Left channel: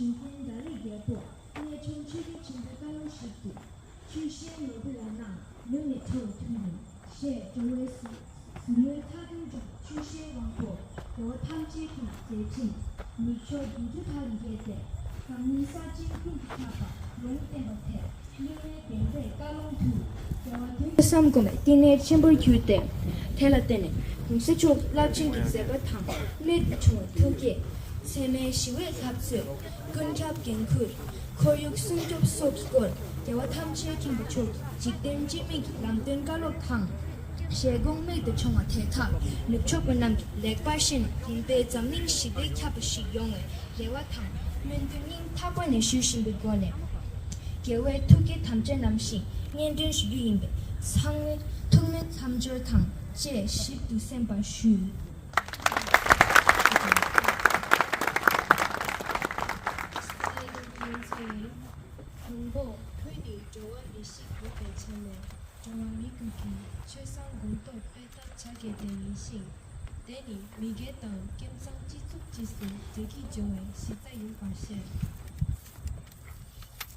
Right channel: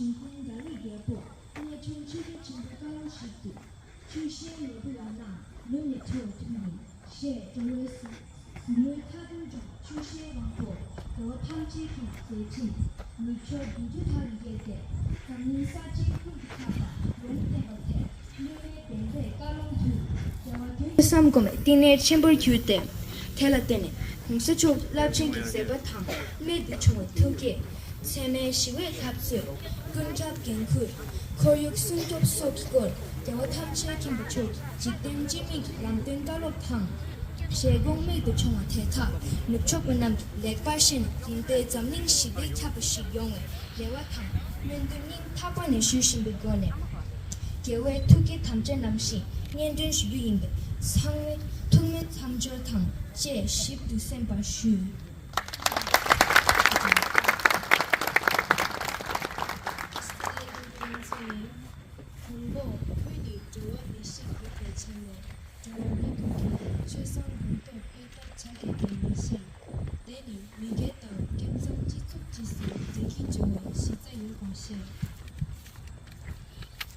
중간다리 예보 내 정치를 진보가로 시도 출시의 예보야나 눈이 터트리는 시 조회수 늘 타들 중 출시의 왕보 더 탐지 중 대진 미처 비주다리게 돼 강민사진 쿵타바 롱대버테 눈의 벤데 까롱투 삼금에 띠네 챔벌 규대 텔라테네 공수초 라칭기 세바탕 몇 총을 통계 세메 시외 탑수 근잡 갱쿨 거육 승급 속이곤 대화 탐지의 김부초 직된 지미기 람된 가로탕 시공매도 총화 대타 늑촉은 남기 렉바신 인배 잠닝 시대 캬부시 용의 대화탕 면등인 타관의 슈신 비건에 계획 투기 탐제 남시 년든 수유인배 상회 통면 삼절탕 제 10두센바 슈 공보 회의 조언 미식 대체네 조언 미국이 최상 공도 회담 자기 대미신 내니 미개던 감성 지속 지수 듣기 조언 시자 일과시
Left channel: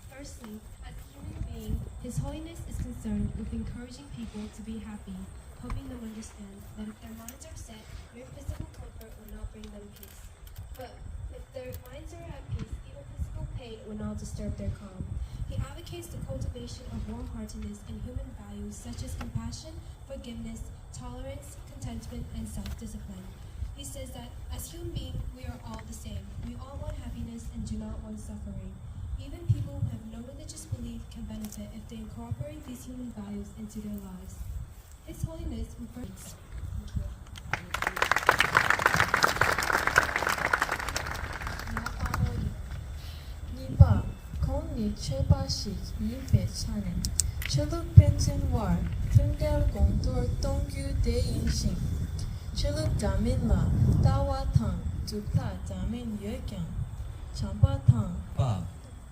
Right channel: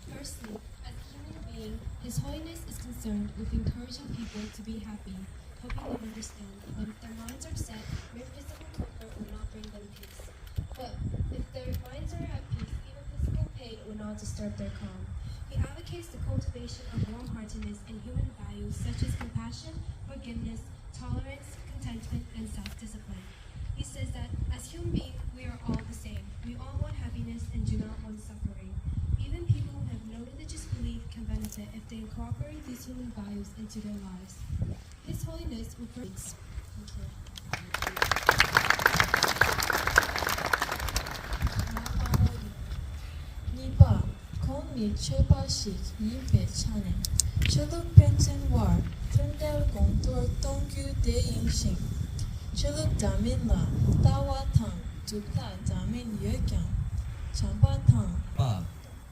Firstly, as a human being, His Holiness is concerned with encouraging people to be happy, helping them understand that if their minds are set, mere physical comfort will not bring them peace. But if their minds are at peace, even physical pain will not disturb their calm. He advocates the cultivation of warm-heartedness and human values such as compassion, forgiveness, tolerance, contentment, and self-discipline. He says that as human beings, we are all the same. We all want happiness and do not want suffering. Even people who have no religious belief can benefit if they incorporate these human values into their lives. His Holiness refers. Thank you. Nipa, Koni Chebashik, Yipe Chanen, Chiluk Benson War, Tundel Gongtor Dongyu De Yinshin, Chiluk Daminma, Dawa Tang, Dukla Damin Yekyang, Champa Tang, Pa,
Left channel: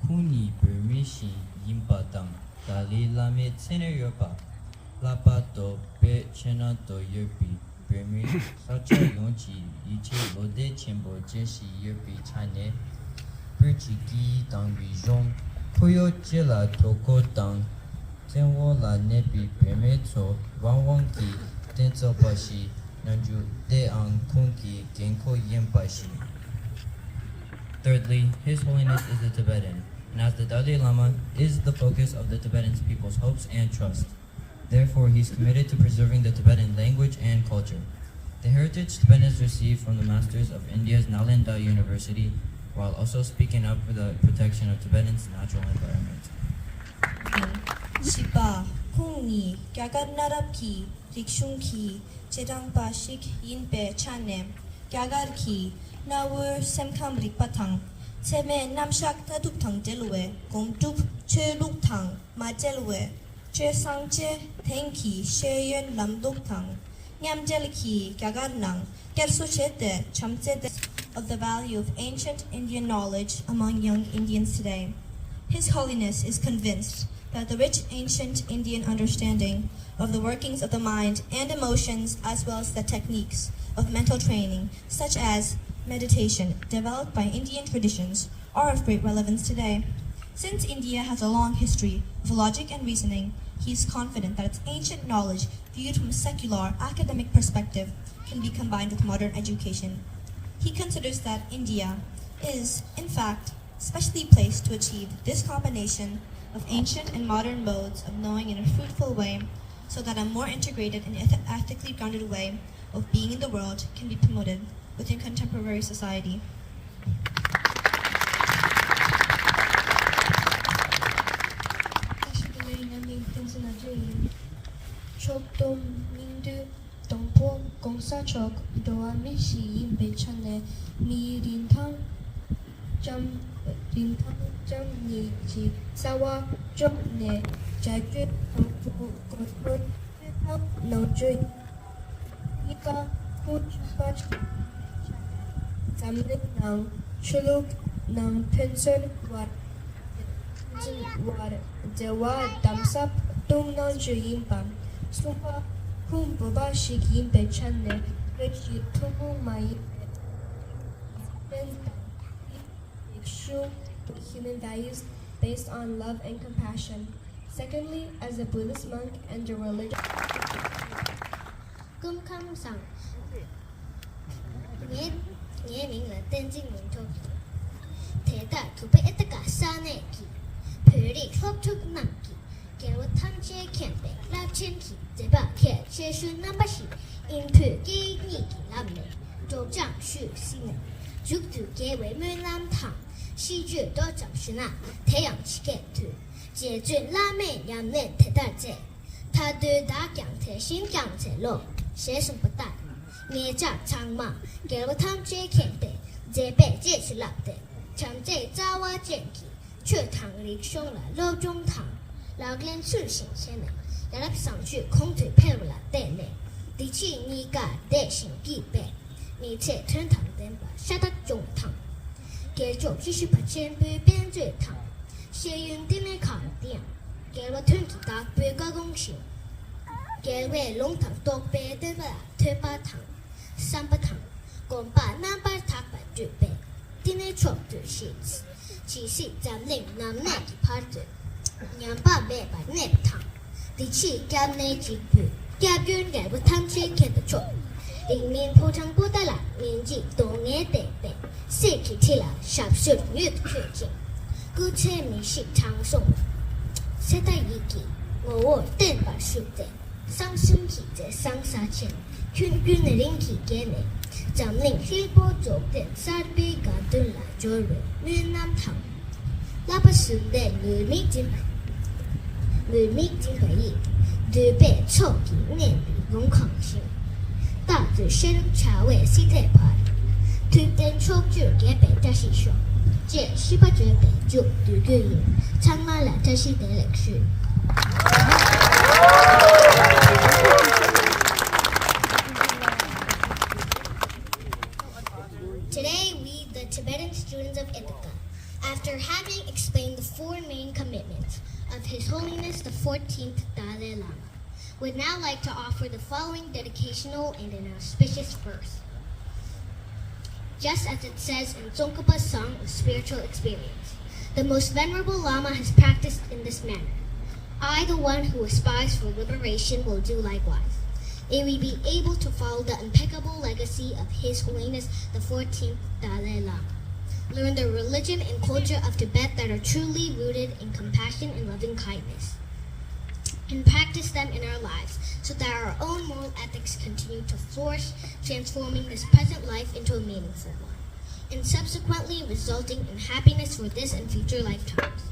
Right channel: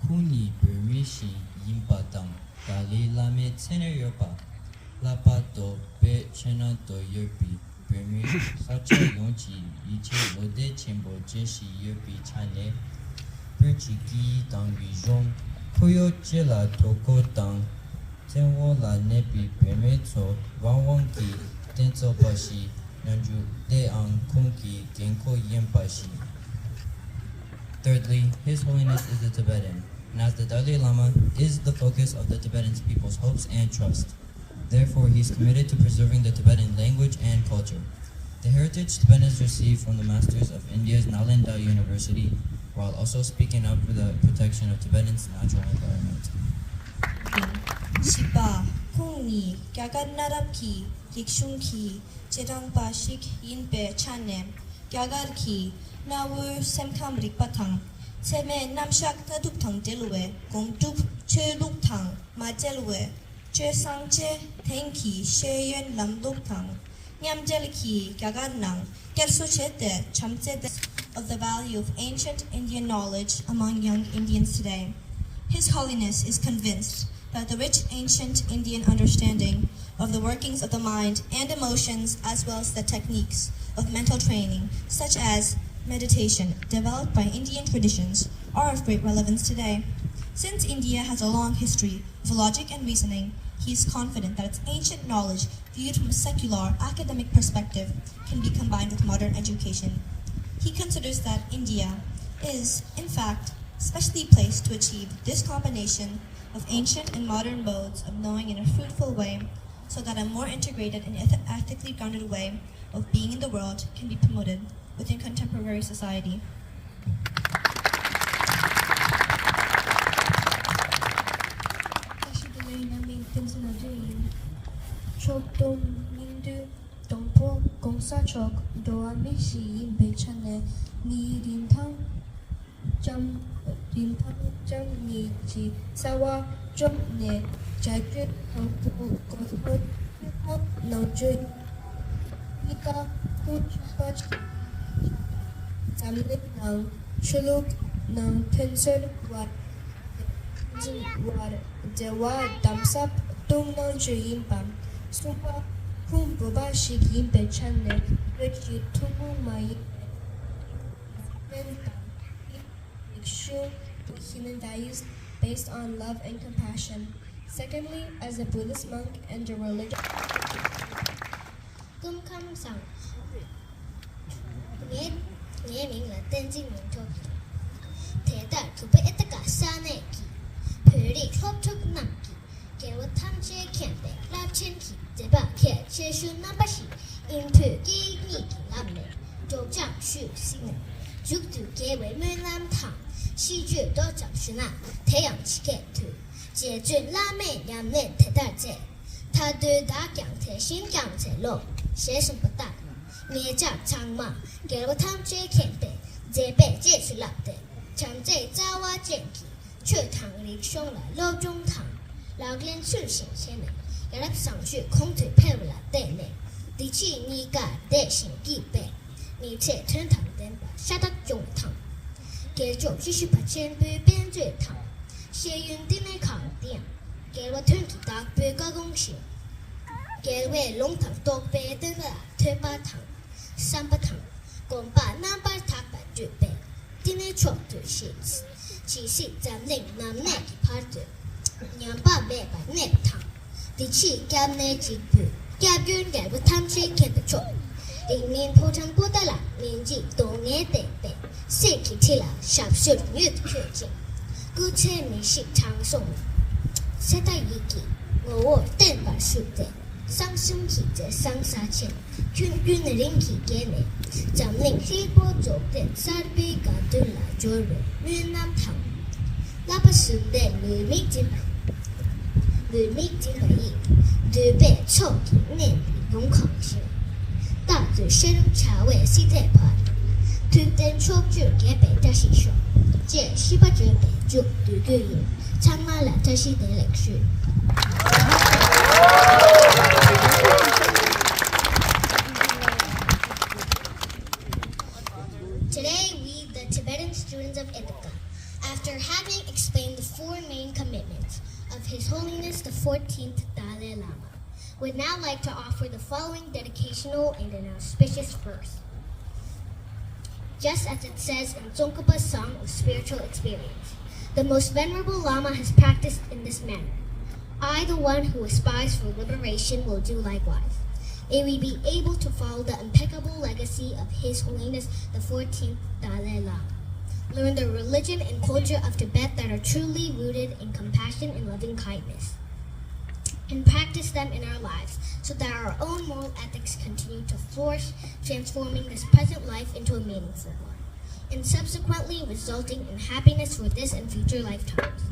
Kuni Burmishi, Yimpa Tang, Dali Lame Tene Yopa, Lapa To, Be Chena To Yopi, Burmi, Sacha Yonchi, Ichi Lode Chimbo Jeshi Yopi Chane, Birchiki Tang Rijong, Koyo Chela Toko Tang, Tenwo La Nepi Permetso, Wangwangki, Tenso Pashi, Nanju De Ang Kunki, Genko Yempashi. Thirdly, His Holiness is a Tibetan, and as the Dalai Lama is the focus of the Tibetan people's hopes and trust. Therefore, he is committed to preserving the Tibetan language and culture. The heritage Tibetans received from the masters of India's Nalanda University, while also speaking up for the protection of Tibetans' natural environment. Shiba, Kungni, Gagarnarabki, Rikshunki, Chedangpashik, Yinpe, Chanem, Gagarki, Nawur, Semkam Rikpatang, Seme Namshak Taduktang Delue, Gomtuk, Cheluktang, Majelue, Che Sangche, Tenki, Sheyen Lamduktang, Nyamjelki, Gagarnang, Gersuchete, Chamsete of the value of ancient Indian knowledge among young Indians today. His Holiness is convinced that the rich ancient Indian understanding of the workings of the mind and emotions, as well as the techniques of mental training, such as meditation, developed by Indian traditions, are of great relevance today. Since India has a long history of logic and reasoning, he is confident that its ancient knowledge, viewed from a secular, academic perspective, can be combined with modern education. He considers that India is, in fact, specially placed to achieve this combination of ancient and modern modes of knowing in a fruitful way, so that a more integrated and ethically grounded way of being in the world can be promoted within contemporary society. 동포 공사적 도와미시 인배천에 니린탕 점니 지사와 점내 자주 동포 고스포 노주 니까 후추파 잠내낭 출룩낭 펜설와 제와 담삽 동난주인밤 수화 Kumbabashi Gimbe Chane, which you tomo my Shun, human values based on love and compassion. Secondly, as a Buddhist monk and a religious Cung khâm rằng nghĩa mình là tên dinh mình thôi thế ta thủ bị Ithaca sa này kỳ phơi đi khóc thức nặng kỳ kéo tham chế kẹn để làm trên kỳ để bà kẹt chế xuân năm bát sĩ in phơi kỳ nhị kỳ làm này đồ trang sư sinh này giúp từ kế với mười làm thẳng si chuyện đó chẳng sự nào thế yang chỉ kẹt thứ解决拉美两人太大姐，他对大讲台新讲台路，写什么大？你讲长嘛，给我他们这看的，这辈这是老的，他们这早晚见起，却堂里凶了老中堂，老人是新鲜的，给他上去空腿配不了的呢，第七你个得行几倍，你这天堂的吧，杀他中堂，给做继续把钱对变最堂。写用的那康店，给我吞起大杯个公式，给我龙堂多杯的个推把糖，三把糖，共把那把糖把准备，的那床对写字，其实咱领那那几趴的，两把杯把那糖，第七干那几杯，干边给我贪吃看的床，里面铺上不得了，面积多眼得得，谁去吃了，上水越确定。姑且你是长颂，写到一句，我等把书的，上身体在上沙前，君君的灵体给你，咱领西波走的沙比嘎顿来做人，越南堂，那把书的女米金白衣，对白臭气年龙抗性，大嘴深茶味西太牌，推灯抽酒给白大西说。这西巴这边就对个有，参加了这些的历史。Today, we, the Tibetan students of Ithaca, after having explained the four main commitments of His Holiness the 14th Dalai Lama, would now like to offer the following dedicational and an auspicious verse. Just as it says in Tsongkhapa's Song of Spiritual Experience, the most venerable Lama has practiced in this manner. I, the one who aspires for liberation, will do likewise. May we be able to follow the impeccable legacy of His Holiness the 14th Dalai Lama. Learn the religion and culture of Tibet that are truly rooted in compassion and loving kindness, and practice them in our lives so that our own moral ethics continue to flourish, transforming this present life into a meaningful one, and subsequently resulting in happiness for this and future lifetimes.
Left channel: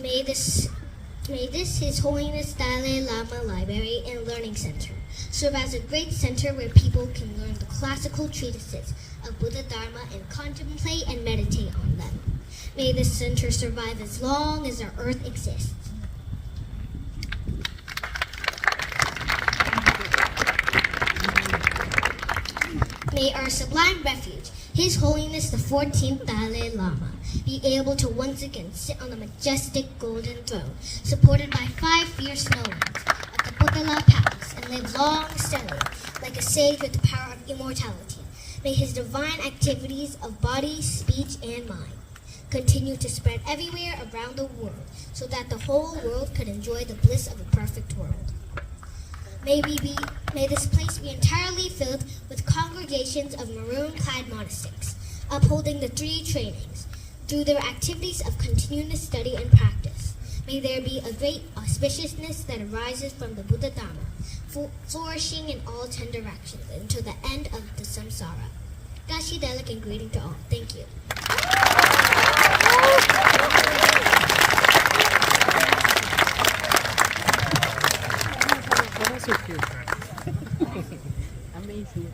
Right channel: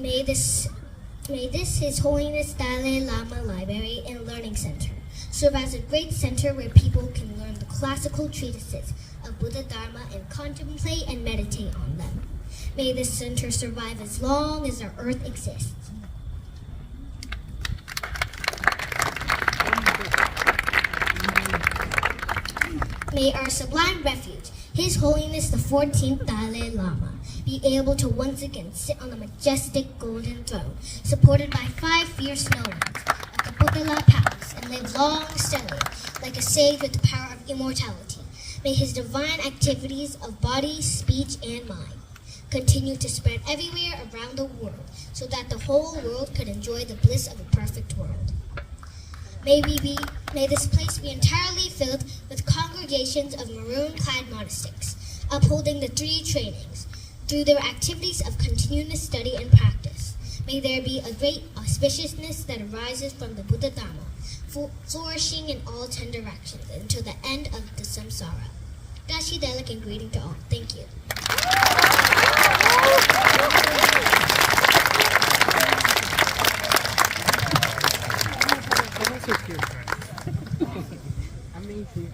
May this His Holiness Dalai Lama Library and Learning Center serve as a great center where people can learn the classical treatises of Buddha Dharma and contemplate and meditate on them. May this center survive as long as our earth exists. May our sublime refuge, His Holiness the 14th Dalai Lama, be able to once again sit on the majestic golden throne, supported by 5 fierce snow winds of the Buddha Palace, and live long steadily, like a sage with the power of immortality. May his divine activities of body, speech, and mind continue to spread everywhere around the world, so that the whole world could enjoy the bliss of a perfect world. May this place be entirely filled with congregations of maroon-clad monastics, upholding the 3 trainings through their activities of continuous study and practice. May there be a great auspiciousness that arises from the Buddha Dharma, flourishing in all 10 directions until the end of the samsara. Dashi Delik and greeting to all. Thank you. So cute. Amazing.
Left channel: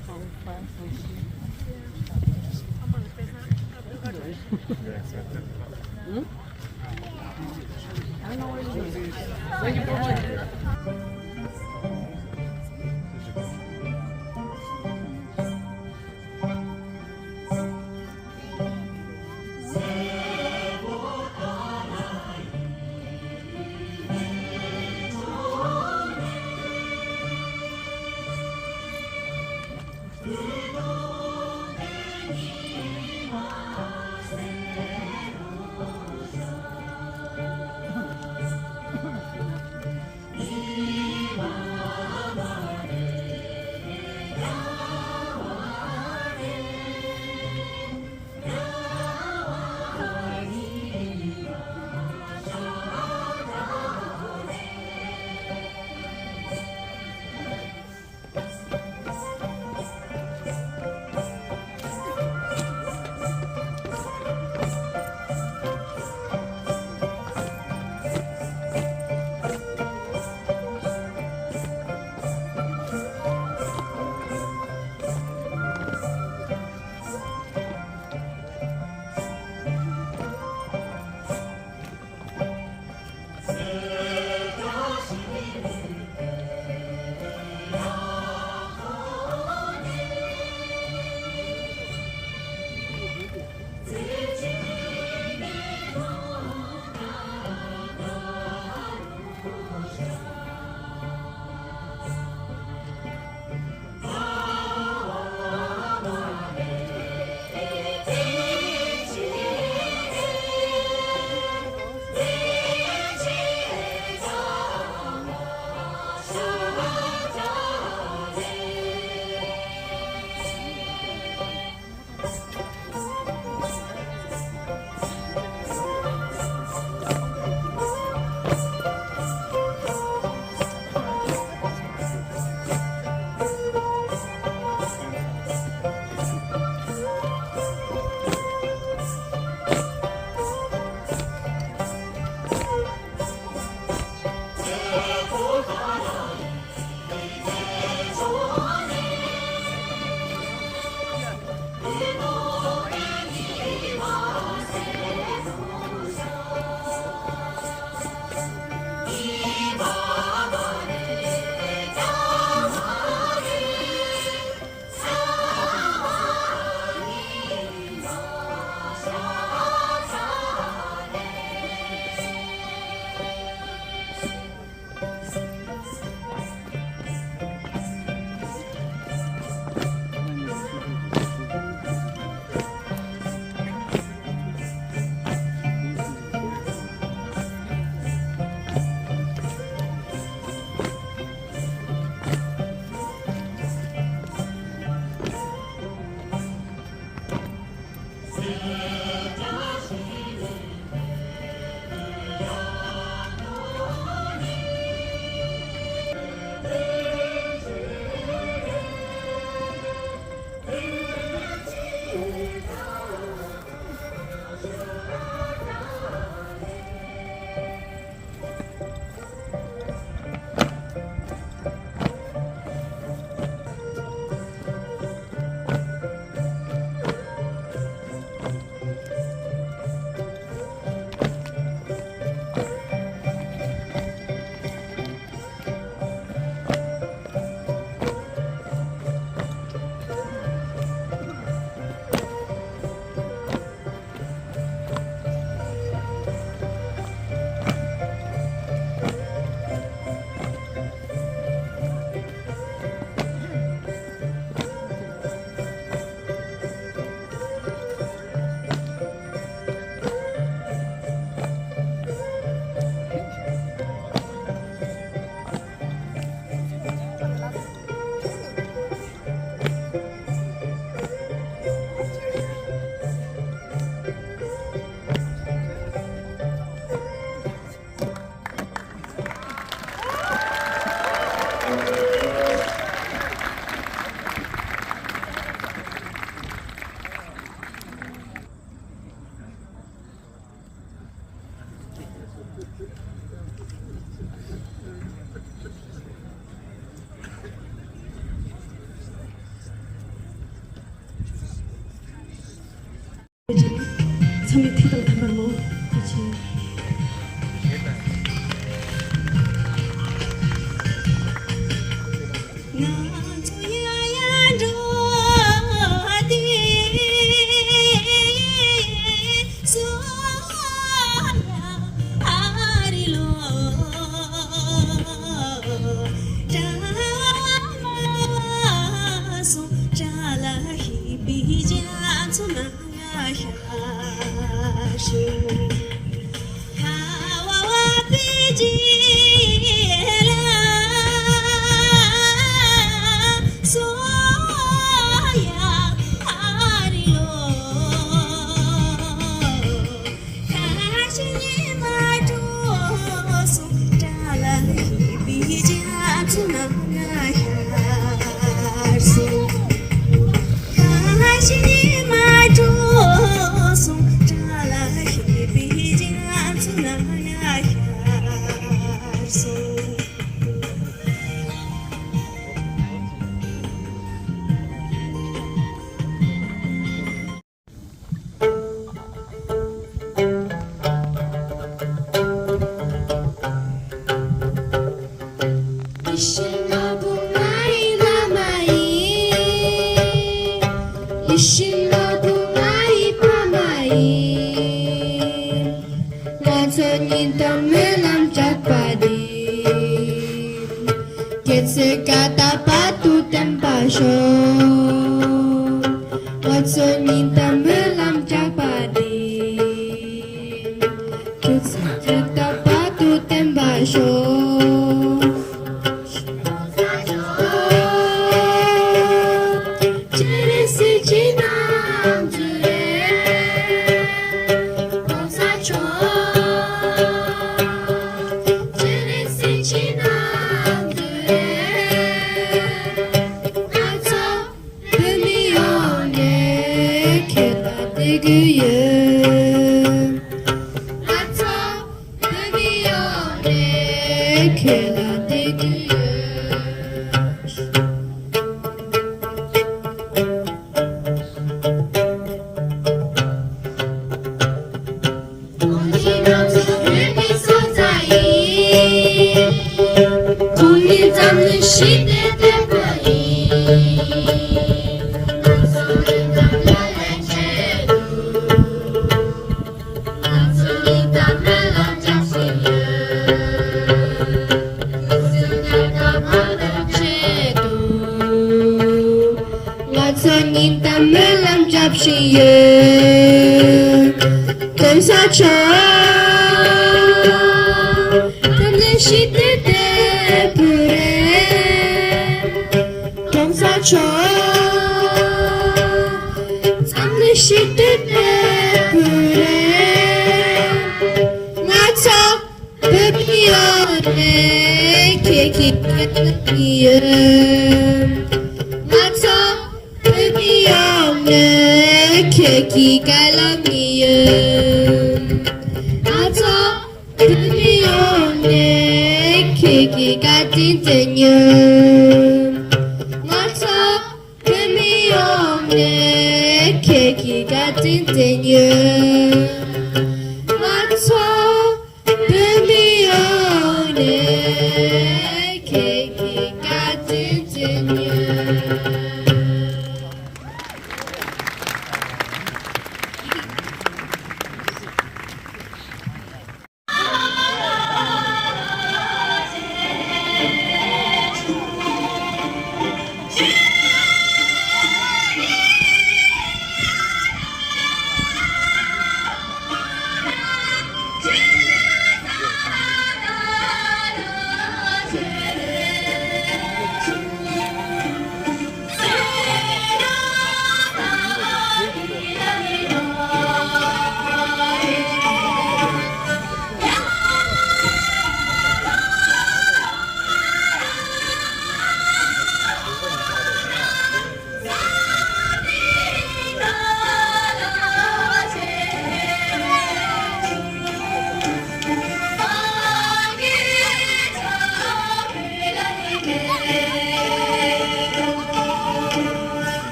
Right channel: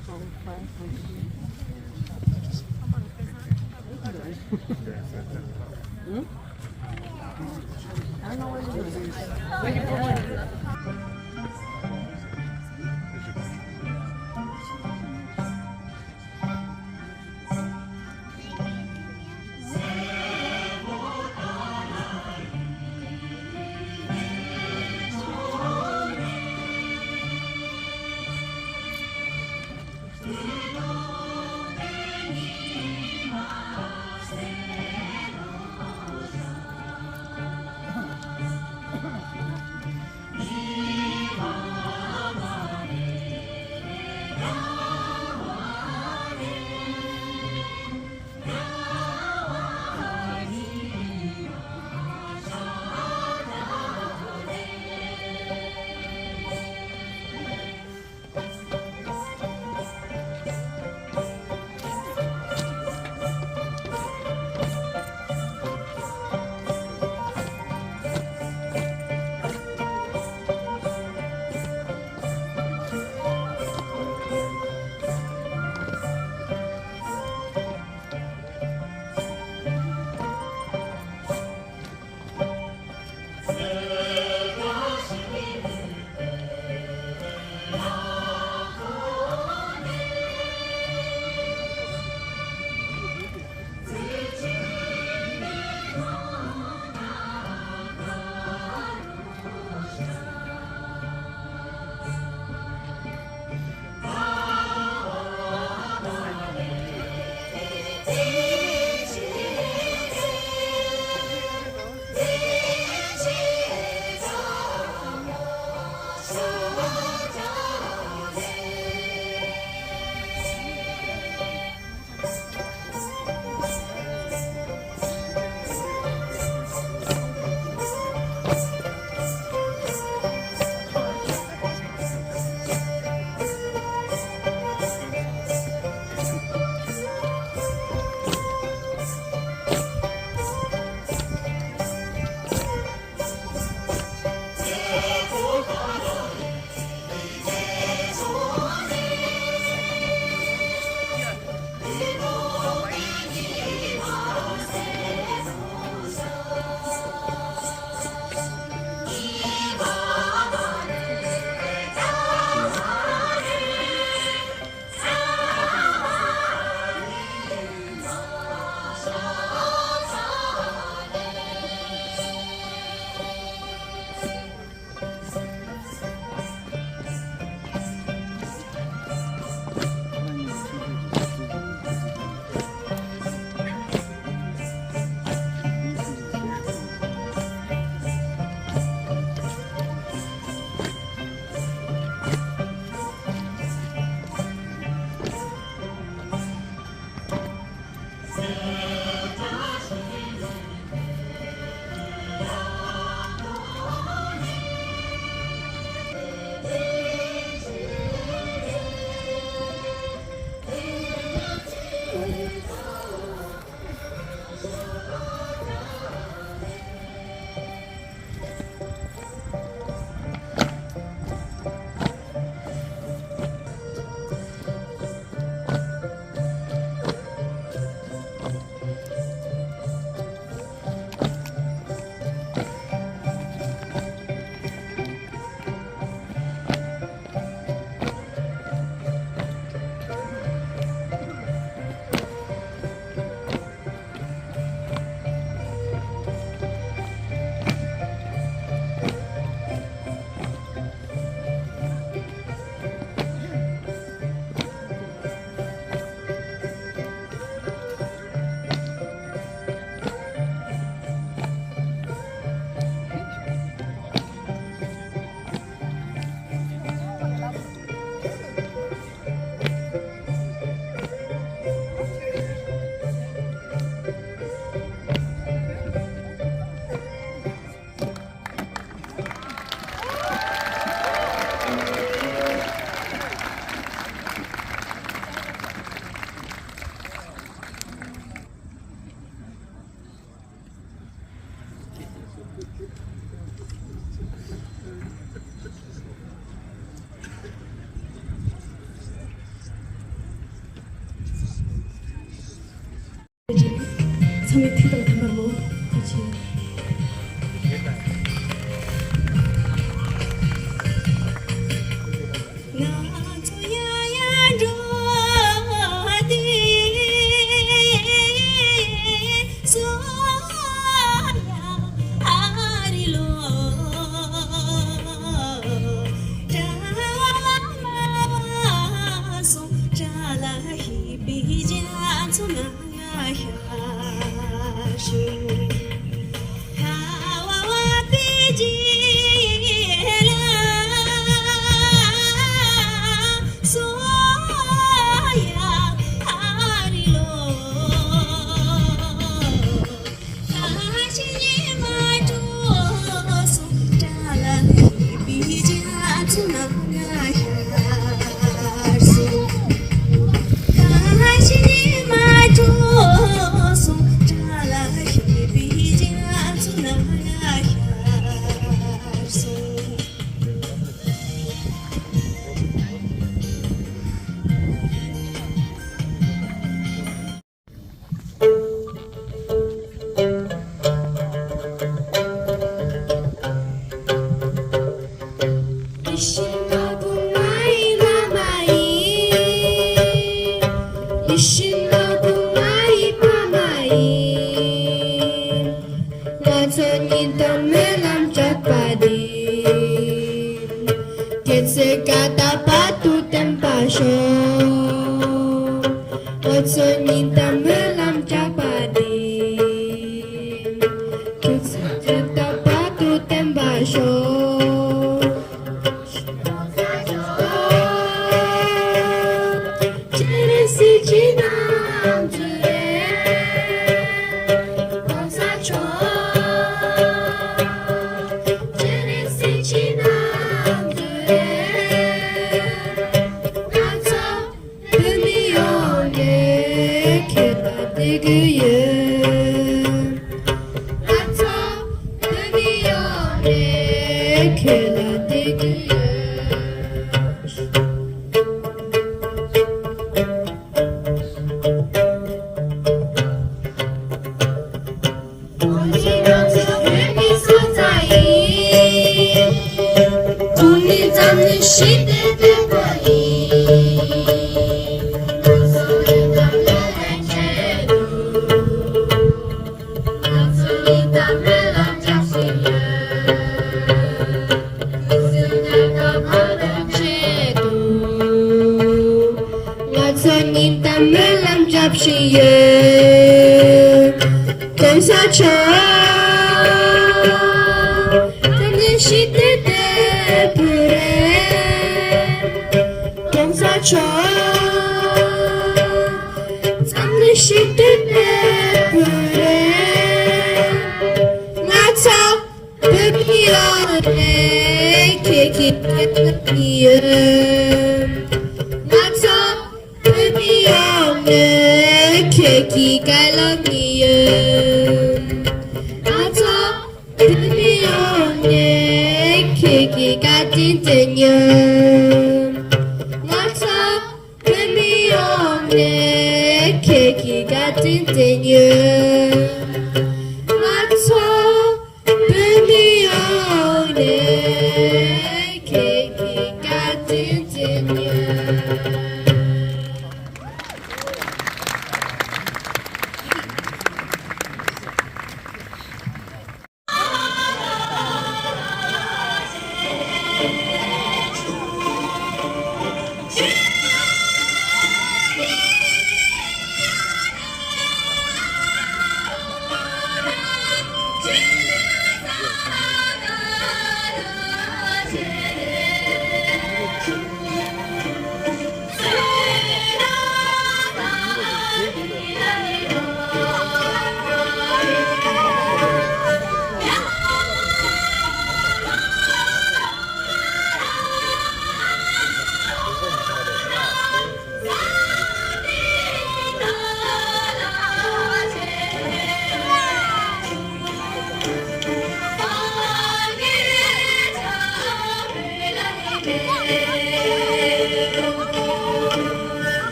삶의 태도가 담아놓은 그치.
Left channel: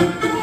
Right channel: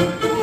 Thank you.